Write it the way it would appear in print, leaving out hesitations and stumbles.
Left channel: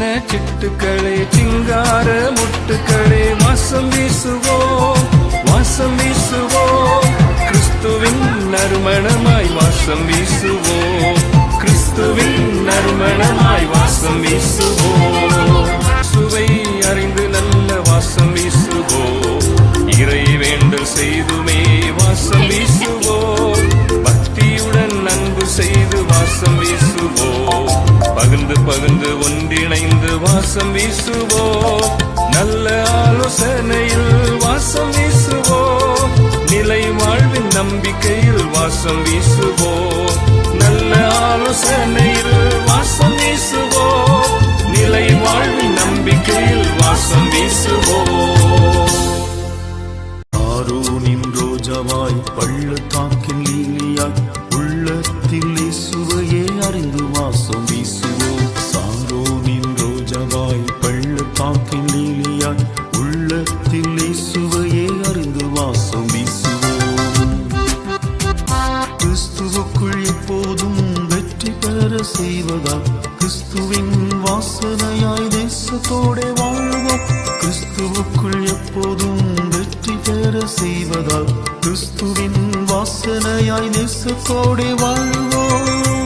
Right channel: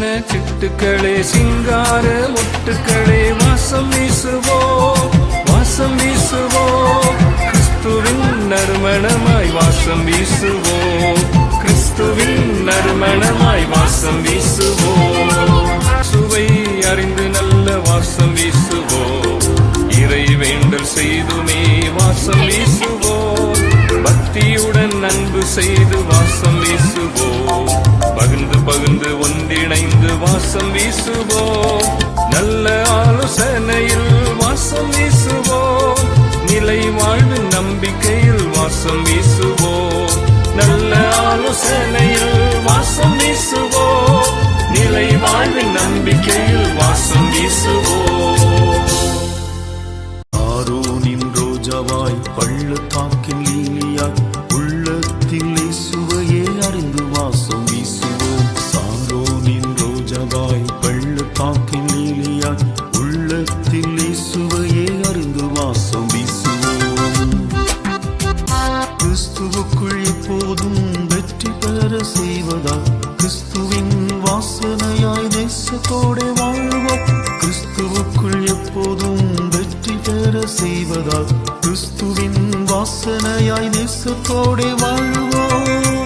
வண்ண சிட்டுக்களே சிங்கார முட்டுக்களே வாசம் வீசுவோ வாசம் வீசுவோ கிறிஸ்துவின் நறுமணமாய் வாசம் வீசுவோ கிறிஸ்துவின் நறுமணமாய் வாசம் வீசுவோ சுவை அறிந்து நல்ல வாசம் வீசுவோ இறை வேண்டல் செய்துமே வாசம் வீசுவோ பக்தியுடன் அன்பு செய்து வாசம் வீசுவோ பகிர்ந்து ஒன்றிணைந்து வாசம் வீசுவோ நல்ல ஆலோசனையில் வாசம் வீசுவோ நிலை வாழ்வின் நம்பிக்கையில் வாசம் வீசுவோ நல்ல ஆலோசனையில் வாசம் வீசுவோ நிலை வாழ்வின் நம்பிக்கையில் வாசம் வீசுவோ ஆரோனின் ரோஜாவாய் பள்ளத்தாக்கின் லீலியாய் உள்ளத்தில் இயேசுவையே அறிந்து வாசம் வீசுவோம். சாரோனின் ரோஜாவாய் பள்ளத்தாக்கின் லீலியாய் உள்ளத்தில் இயேசுவையே அறிந்து வாசம் வீசுவோம். கிறிஸ்துவுக்குள் எப்போதும் வெற்றி பெற செய்வதால் கிறிஸ்துவின் வாசனையாய் தேசத்தோட வாழ்வோம். கிறிஸ்துவுக்குள் எப்போதும் வெற்றி பெற செய்வதால் கிறிஸ்துவின் வாசனையாய் தேசத்தோட வாழ்வோம்.